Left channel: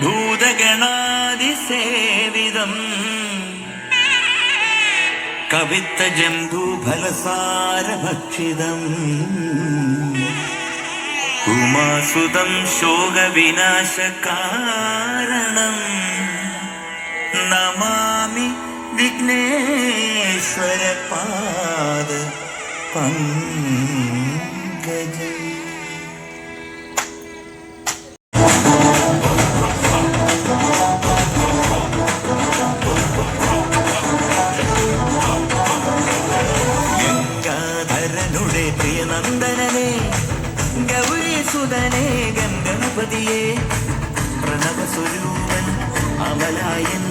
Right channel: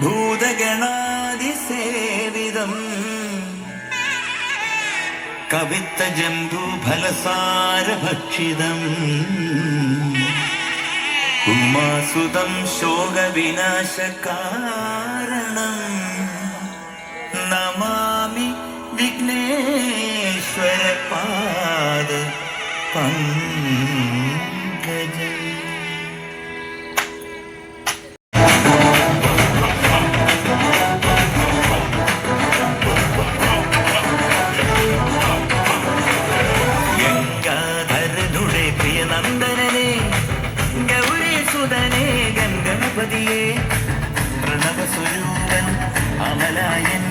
ഭൂതഗണാതിസേവിതം കവിത്തജംബൂഫലസാരഭക്ഷിതം ഉമാസുതം ശോകവിനാശകാരണം നമാമി വിഘ്നേശ്വരപാദ പങ്കജം. പ്രിയനന്ദനനെ ഗൗരീസുതനെ ഗംഗണപതിയെ പ്രണവസ്വരൂപൻ അമലായൻ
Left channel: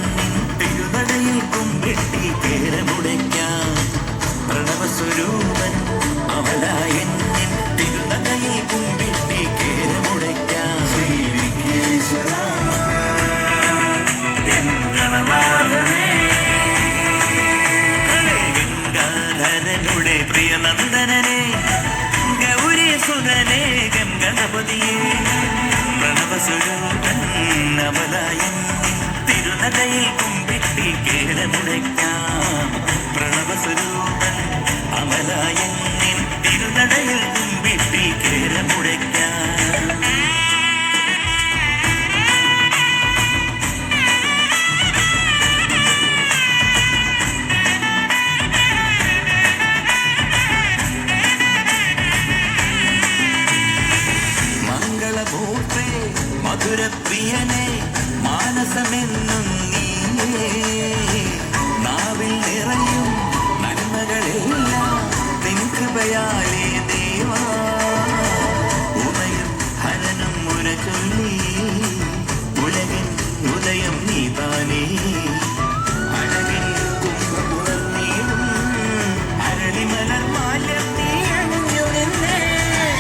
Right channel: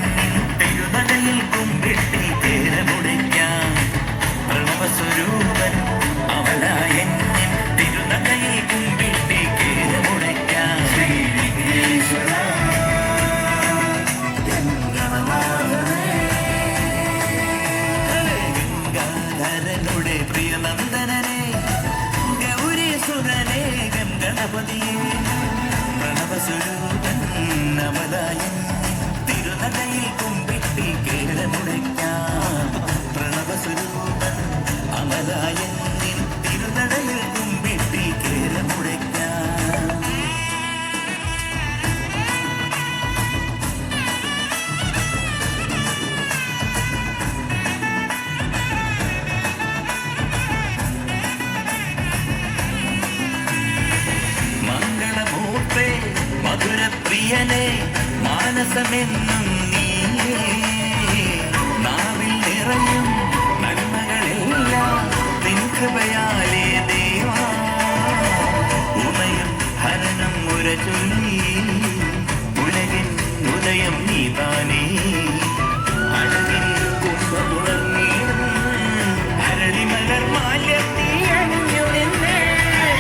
തിരുനടയിൽ കുമ്പിട്ടി കേരമുടയ്ക്കാം. പ്രണവസ്വരൂപൻ അമലായൻ തിരുനടയിൽ കുമ്പിട്ടി കേരമുടയ്ക്കാം. ശ്രീ വിഘ്നേശ്വര ഗംഗാധരനുടെ പ്രിയനന്ദനനെ ഗൗരീസുതനെ ഗംഗണപതിയെ പ്രണവസ്വരൂപൻ അമലായൻ തിരുനടയിൽ കുമ്പിട്ടി കേരമുടയ്ക്കാം. പ്രണവസ്വരൂപൻ അമലായൻ തിരുനടയിൽ കുമ്പിട്ടി കേരമുടയ്ക്കാം. മംഗളമൂർത്തേ മധുരപ്രിയനെ മാനസമെന്നും നീയേ നാവിൽ നിറയും നന്മകളെല്ലാം നിൻ കൃപയാലേ ദേവാ. ഉമയും ഹരനും മുര ചൊല്ലി ഉലകിൻ ഉദയം നീ താനേ. അഴകിൻ കുംഭമുണർന്നീടും അരളിമലർ മാല്യം നീ അണിഞ്ഞു നിന്നേ.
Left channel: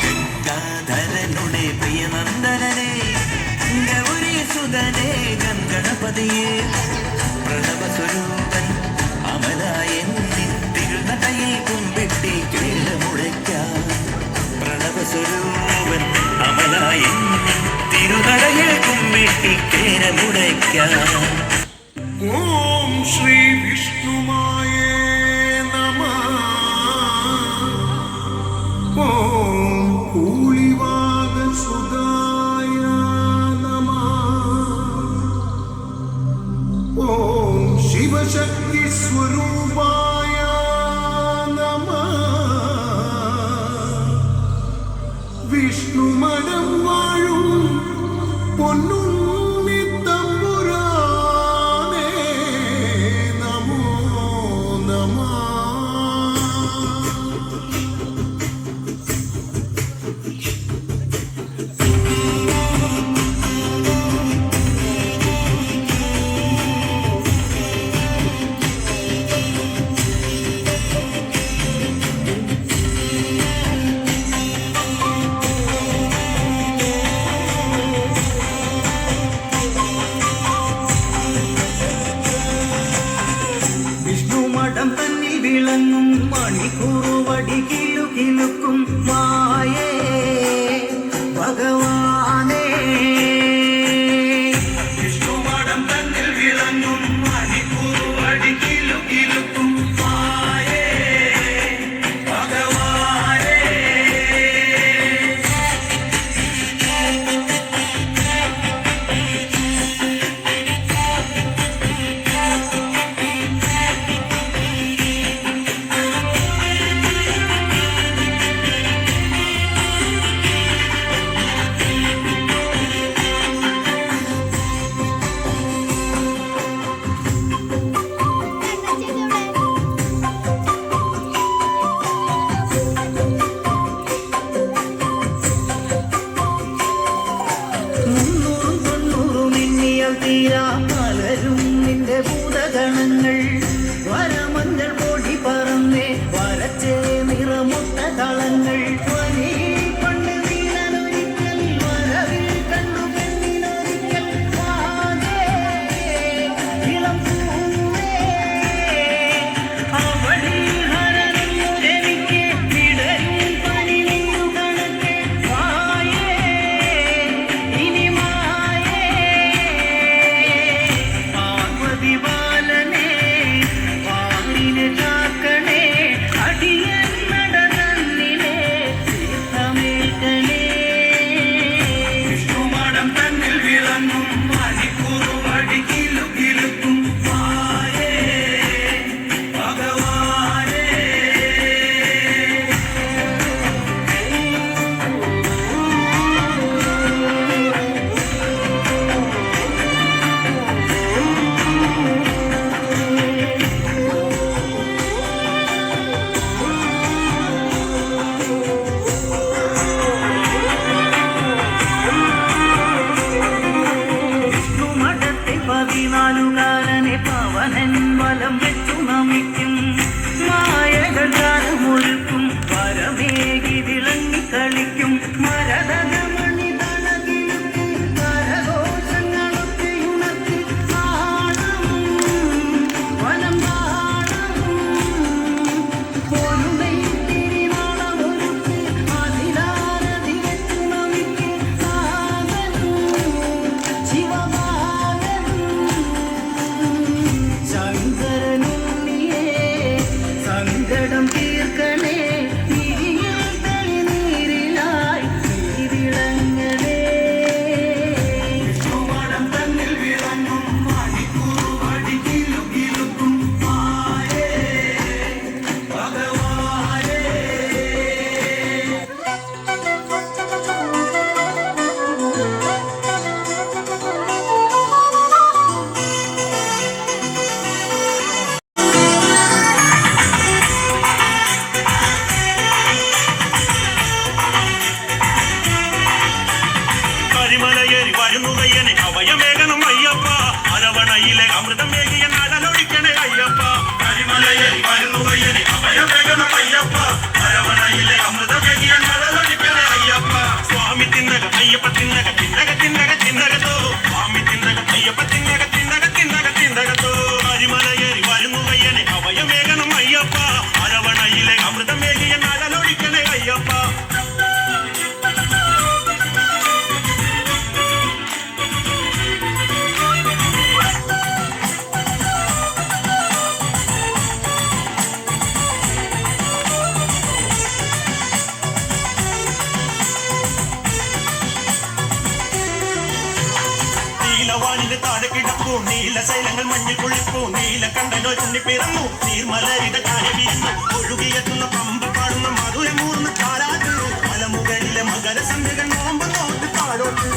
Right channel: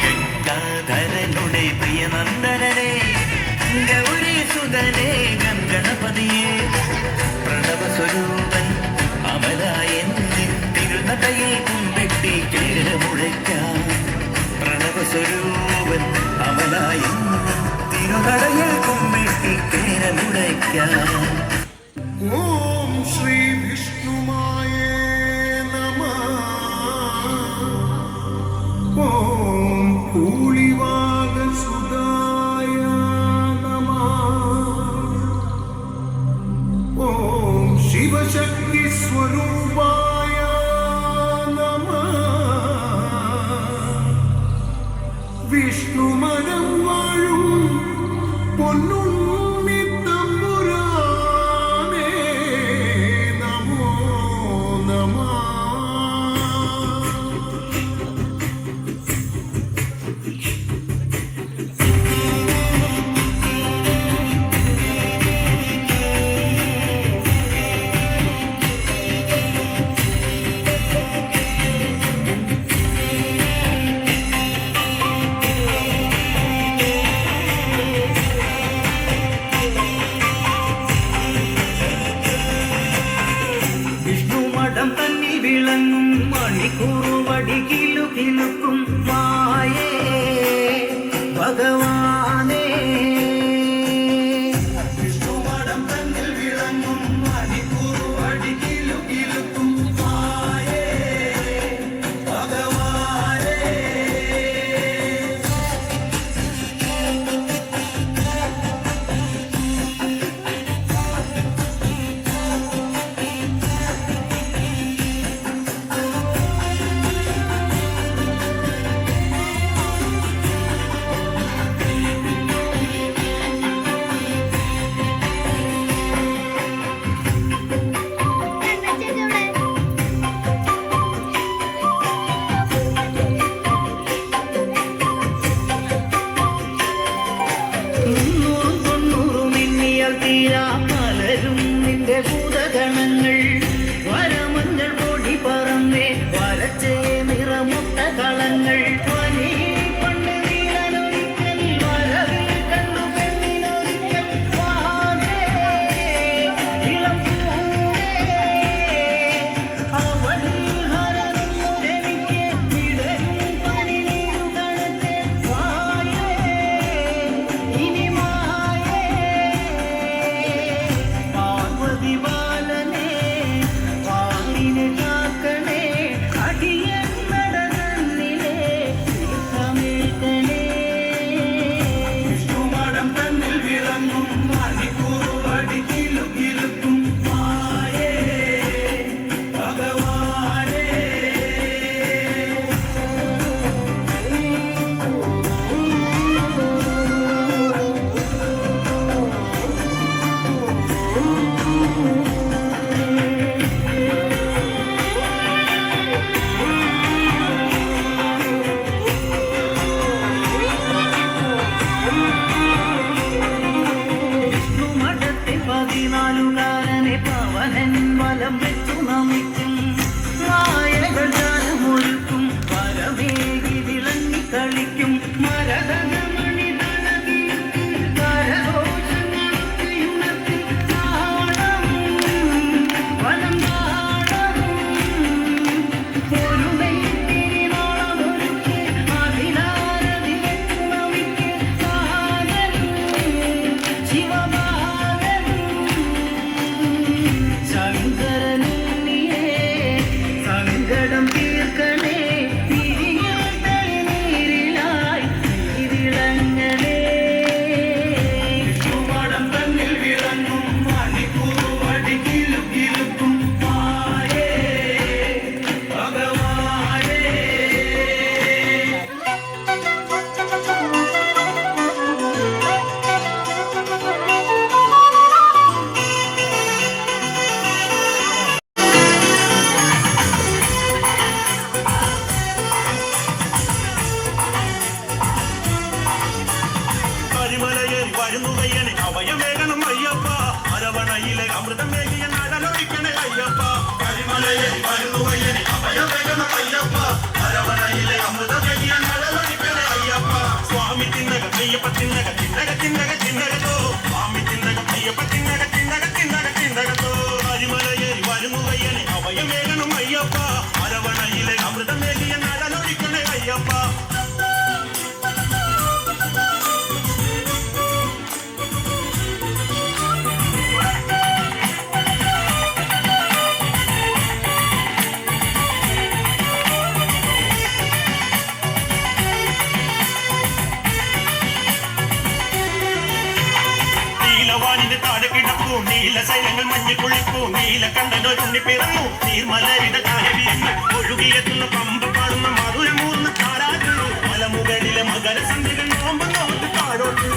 ഗംഗാധരനുടെ പ്രിയനന്ദനനെ ഗൗരീസുതനെ ഗംഗണപതിയെ പ്രണവസ്വരൂപൻ അമലായൻ തിരുനടയിൽ കുമ്പിട്ടി കേരമുടയ്ക്കാം. പ്രണവസ്വരൂപൻ അമലായൻ തിരുനടയിൽ കുമ്പിട്ടി കേരമുടയ്ക്കാം. ഓം ശ്രീ വിഷ്ണുമായേ നമഃ. ഓം കൂളിവാകസുതായ നമഃ. ഓം ശിവശക്തി സ്വരൂപായ നമഃ. വിഷ്ണുമനം വാഴും പൊന്നുണ്ണി തമ്പുരാനേ നമോ നമഃ. കരിമലയേറി വരുന്നു വയ്യനെ അവയമേകണം അയ്യപ്പ അരവണയിലെ അമൃതം മേകിയ നടലൊഴിക്കണേ അയ്യപ്പ കരിമലയേറി വരുന്നു വയ്യനെ അവയമേകണം അയ്യപ്പ അരവണയിലെ അമൃതം മേകിയ നടലൊഴിക്കണേ അയ്യപ്പ സ്വാമി തിന്നക അയ്യപ്പ തിന്നക തിന്നക തിന്നക തിന്നകത്തോ സ്വാമി തിന്നക അയ്യപ്പ തിന്നക തിന്നക തിന്നക തിന്നകത്തോ കരിമലയേറി വരുന്നു വയ്യനെ അവയമേകണം അയ്യപ്പ അരവണയിലെ അമൃതം മേകിയ നടലൊഴിക്കണേ അയ്യപ്പ നീലവാനിന്റെ താഴെ കിടപ്പൂ നീല ശൈലങ്ങൾ മഞ്ഞി കുളിപ്പൂ നീല കണ്ടനോ ചുണ്ണി പിറന്നു നീർമലരിത കായ വീഴുന്നു ഒഴുകിയെത്തുന്ന പമ്പ് കാണുന്ന മധുര മൂന്ന് കാടാകുന്നു മലമുകളിലെ മകര സിന്ധുകൾ നോമ്പ് നോട്ട് പാടോട്ടു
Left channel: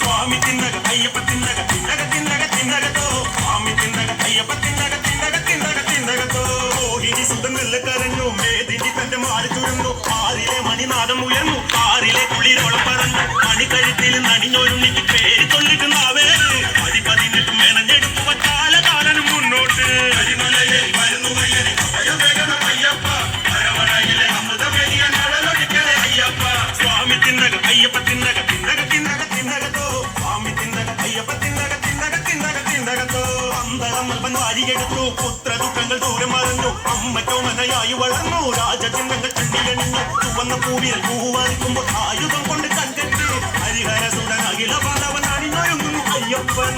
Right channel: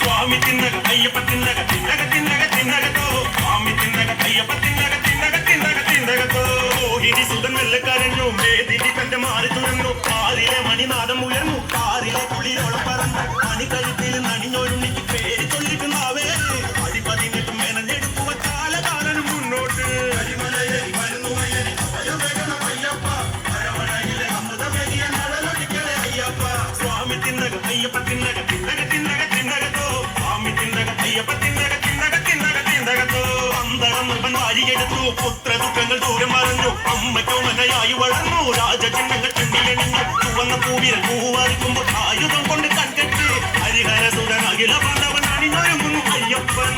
സ്വാമി തിന്നക അയ്യപ്പ തിന്നക തിന്നക തിന്നക തിന്നകത്തോ സ്വാമി തിന്നക അയ്യപ്പ തിന്നക തിന്നക തിന്നക തിന്നകത്തോ ഓഹിരി സുഖം കരഞ്ഞു മേദിനി കന്റെ മാറി തുറന്നു ആറിലെ മണിനാദം ഉയർന്നു കാറിലെ കുളിരോളം പറന്നു മണിക്കഴുത്തിൽ നണിഞ്ഞൊരുണ്ണിക്ക് പേര് ചൊല്ലിട്ടുണ്ടാവേ അതി പതിനെട്ടും മെനഞ്ഞെടുക്കുക കാലകാലനും മുന്നോട്ട് സ്വാമി തിന്നക അയ്യപ്പ തിന്നക തിന്നക തിന്നക തിന്നകത്തോ സ്വാമി തിന്നക അയ്യപ്പ തിന്നക തിന്നക തിന്നക തിന്നകത്തോ അന്തരം വാരിയെടുത്തു പുത്ര ദുഃഖങ്ങൾ ദൂരം മറിഞ്ഞു അമ്മയ്ക്കോ മനയായി വളർന്നു രാജചിഹ്നങ്ങൾ ചുണ്ടിയണിഞ്ഞു ചുവന്ന പൂവിൽ പൂവാറിക്കുമ്പോ ആയുധം കൊണ്ട് കണ്ടിട്ട് ഹരിഹര സുതൻ അഖില പന്തവൻ അണിഞ്ഞൊരുങ്ങുന്നു അയ്യപ്പൻ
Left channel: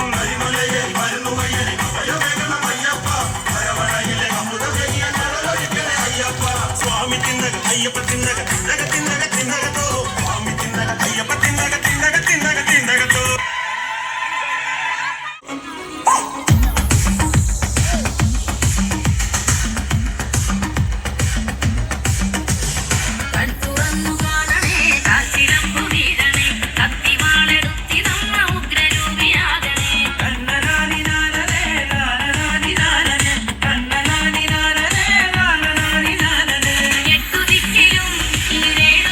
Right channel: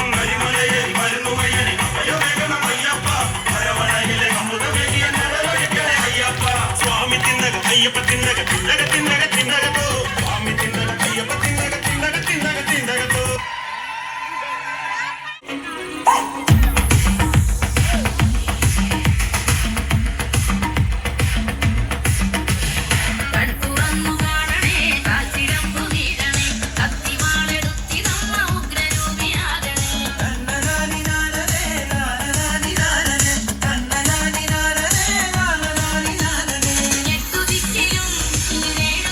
സ്വാമി തിന്നക അയ്യപ്പ തിന്നക തിന്നക തിന്നക തിന്നകത്തോ സ്വാമി തിന്നക അയ്യപ്പ തിന്നക തിന്നക തിന്നക തിന്നകത്തോ കൺതുറന്നു കാണണേ കാൽച്ചിലമ്പു വീഴണേ കത്തിവാളെടുത്തിതന്ന ഉഗ്രരൂപിയാകണേ എട്ടു ദിക്കിലും ഈരേഴു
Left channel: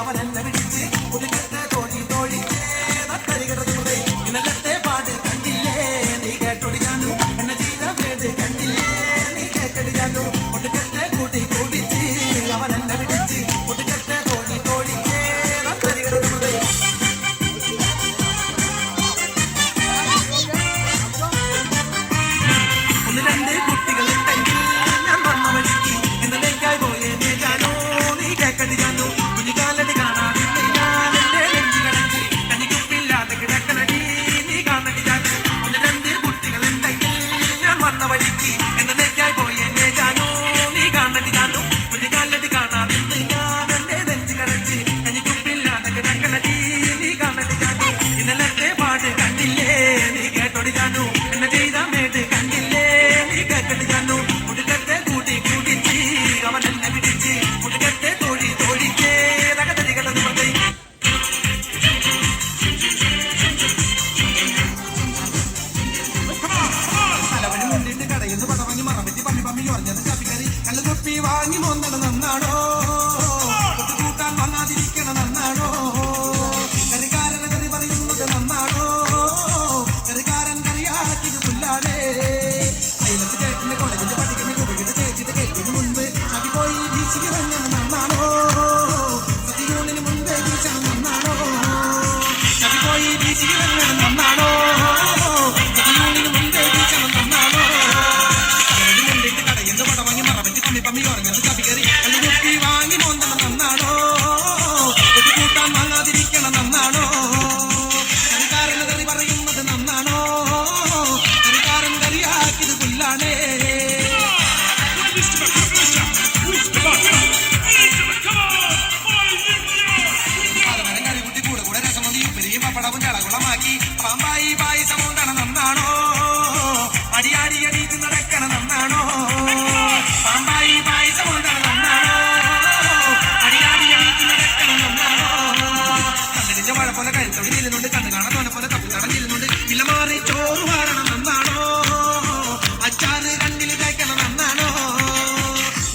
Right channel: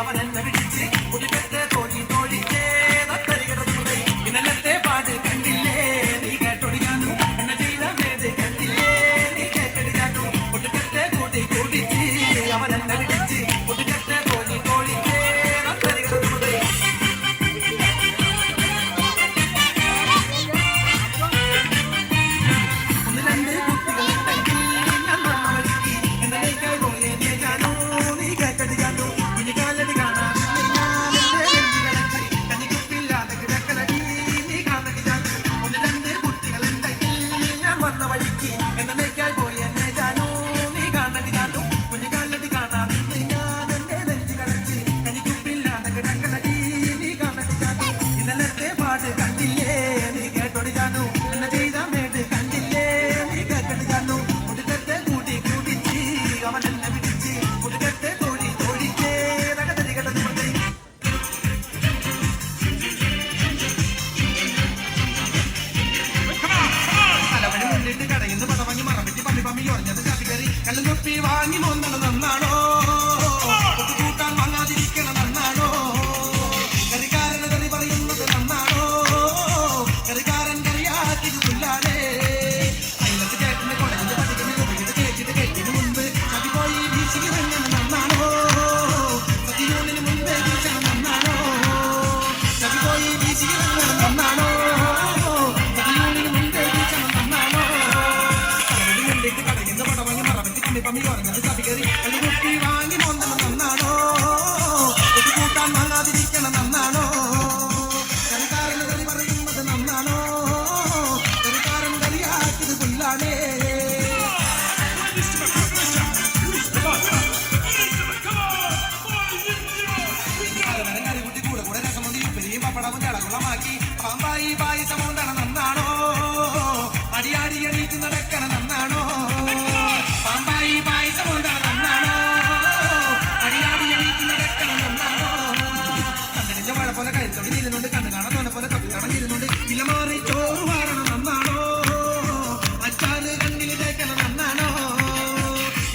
അവനെന്നെ പിടിച്ച് കുടിക്കട്ടെ തോഴി തോഴിക്കേ തത്തരികിടതുമുതേ ഇന്നലത്തെ പാട്ട് കണ്ടില്ലേ നീ കേട്ടൊടിക്കാനു എന്നെ ചെയ്ത പേര് കണ്ടില്ലേ നീ കേട്ടടിക്കാനു കുടിക്കട്ടെ കൂട്ടി കൂട്ടിച്ച് അവനെന്നെ പിടിച്ച് കുടിക്കട്ടെ തോഴി തോഴിക്കേ തത്തരികിടതുമുതേ ഒന്ന് രണ്ട് കുട്ടികളുണ്ടെങ്കിൽ ഞാൻ വന്ന വഴിക്ക് എന്നലേക്കായി പോയേ ജാനോ നീ കേക്കടി ജാനോ കുഞ്ഞിക്കാലടി കാണാതില്ല ഞാൻ എന്റെ നെഞ്ചി കടച്ച് കഞ്ഞിക്കുപ്പില്ലാതെ കിടക്കണടി നീ കാണടി ജാനോ ഒന്ന് രണ്ട് കുട്ടികളുണ്ടെങ്കിൽ ഞാൻ വന്ന വഴിക്ക് എന്നലേക്കായി പോയേ ജാനോ നീ കാണടി ജാനോ കുഞ്ഞിക്കാലടി കാണാതില്ല ഞാൻ എന്റെ നെഞ്ചി കടച്ച് കഞ്ഞിക്കുപ്പില്ലാതെ കിടക്കണടി നീ കാണടി ജാനോ ഇന്നലത്തെ പാട്ട് കണ്ടില്ലേ നീ കേട്ടോടി ജാനോ എന്നെ ചെയ്ത മേട്ട് കണ്ടില്ലേ നീ കേട്ടടി ജാനോ മുടുക്കത്തെ കൂട്ടി കൂട്ടിച്ച് അവൻ എന്നെ പിടിച്ച് മുടുക്കത്തെ തോഴി തോഴിക്കേ തകതടി കടന്നു മതി തലവണി മുന്നിട്ട് കടയിന്ന് പടവങ്ങി മറമിട്ടി പമ്മി പമ്മി ഒറഞ്ഞത് ചാപ്പിക്കറി കള്ളു കുപ്പി വാങ്ങി നോന്നണ നന്നാണോ കൂട്ടാൻ വന്നാതിരിക്കണ നന്നാണോ കറിക്കാരന് കറി പറയുന്നത് നന്നാണോ കറിക്കാരൻ കറിയാക്കിയത് പുല്ലാതെ അയലത്ത് കേട്ടിന് കോളേജിൽ പഠിക്കുന്ന കുട്ടിയുടെ ചേച്ചിട്ട് കേട്ടിന് മുൻപ് മതി പോയി വീശിക്ക് വന്നത് നന്നാണോ സതിയൂണിന് മുൻപേ വീശണം നന്നാണോ മതി പോയി വീശിക്ക് വന്നത് നന്നാണോ സതിയൂണിന് മുൻപേ വീശണം നന്നാണോ കടലിൽ മുണ്ടിട്ട് കടയിന്ന് പടവാങ്ങി മറപ്പറ്റി പമ്മി പമ്മി ഉറങ്ങത് ചപ്പിക്കറി കള്ളു കുപ്പി വാങ്ങി മോന്നണ നന്നാണോ കൂട്ടാൻ വാങ്ങാതിരിക്കണ നന്നാണോ കറിക്കാരന് കറി പറയുന്നത് നന്നാണോ കറിക്കാരൻ കറിയാക്കിയത് പുല്ലാണേ കറികുട്ടി കൂടെ കൂടെ രസമതി ഉപ്പരിയും പപ്പടവും ചളകുളമാക്കി പാമ്പായി പായസം കൊണ്ടണ നന്നാണോ അടിയാടി അടിയിട്ട് നടക്കണ നന്നാണോ പാമ്പായി പായസം കൊണ്ടണ നന്നാണോ അടിയാടി അടിയിട്ട് നടക്കണ നന്നാണോ കണ്ണിന്റെ മഴ പോലെ കഴുത്തോട് നില്ലുന്നുണ്ട് കണ്ണു കാണാൻ തോന്നെ പോലെ തപ്പിത്തടം നില്ലുന്നുണ്ട് ഇല മാറി ചോറ് മാറണം നന്നാണോ അച്ചാറ് കണ്ണിൽ തേക്കണം നന്നാണോ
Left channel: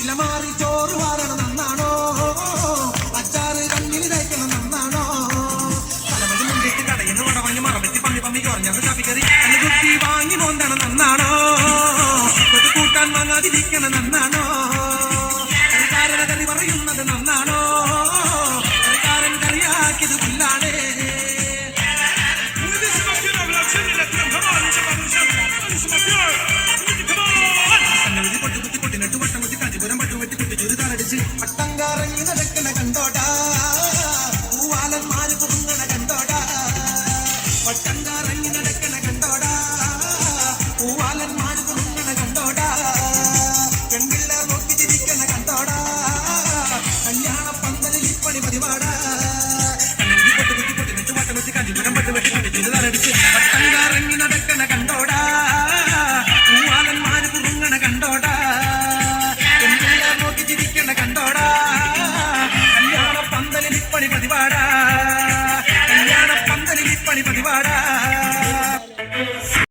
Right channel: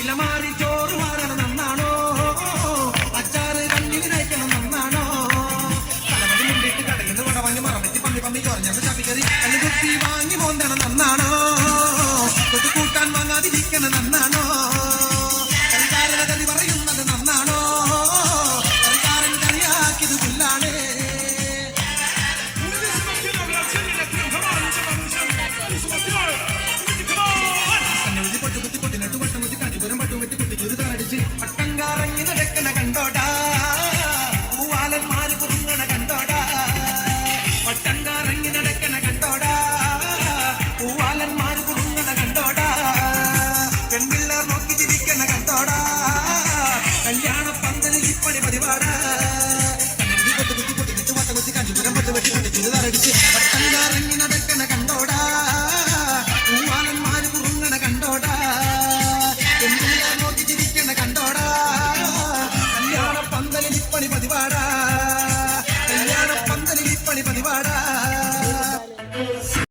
ഇല മാറി ചോറ് മാറണം നന്നാണോ അച്ചാറ് കണ്ണിൽ തേക്കണം നന്നാണോ പലവതി മുണ്ടിട്ട് കടയിന്ന് വടവാങ്ങി മറവെത്തി പമ്മി പമ്മി കുറഞ്ഞത് ചപ്പിക്കറി അന്ന് കുത്തി വാങ്ങി മോന്തണം നന്നാണോ കൊതു കൂട്ടാൻ വാങ്ങാതിരിക്കണം നന്നാണോ കറിക്കാരന് കറി പറയുന്നത് നന്നാണോ കറിക്കാരൻ കറിയാക്കിയത് പുല്ലാണേ കണ്ണുകുത്തി പൊട്ടുകുത്തി പൊട്ടിനട്ട് വട്ടം കുത്തി കാഞ്ചിപുരം പട്ടുവെട്ടി കുട്ടിച്ചൂര് താറടിച്ച് പട്ടം കറങ്ങി നടക്കണ കണ്ടോടാ പൂവാലന്മാര് പൊങ്ങണ കണ്ടോടാ പട്ടം കറങ്ങി നടക്കണ കണ്ടോടാ പൂവാലന്മാര് പൊങ്ങണ കണ്ടോടാ പെൺപിള്ളേർ നോക്കി ചിരിക്കണ കണ്ടോടാ കല്യാണ പന്തലിൽ ഇപ്പണി പരിപാടാ കണ്ണുകുത്തി പൊട്ടുകുത്തി പൊട്ടിനട്ട് വട്ടം കുത്തി കാഞ്ചിപുരം പട്ടുവെട്ടി കുട്ടിച്ചൂര് താറടിച്ച് പട്ടം കറങ്ങി നടക്കണ കണ്ടോടാ പൂവാലന്മാര് പൊങ്ങണ കണ്ടോടാ പെൺപിള്ളേർ നോക്കി ചിരിക്കണ കണ്ടോടാ കല്യാണ പന്തലിൽ ഇപ്പണി പതിവാടാ കല്യാണ പന്തലിൽ ഇപ്പണി പതിവാടാ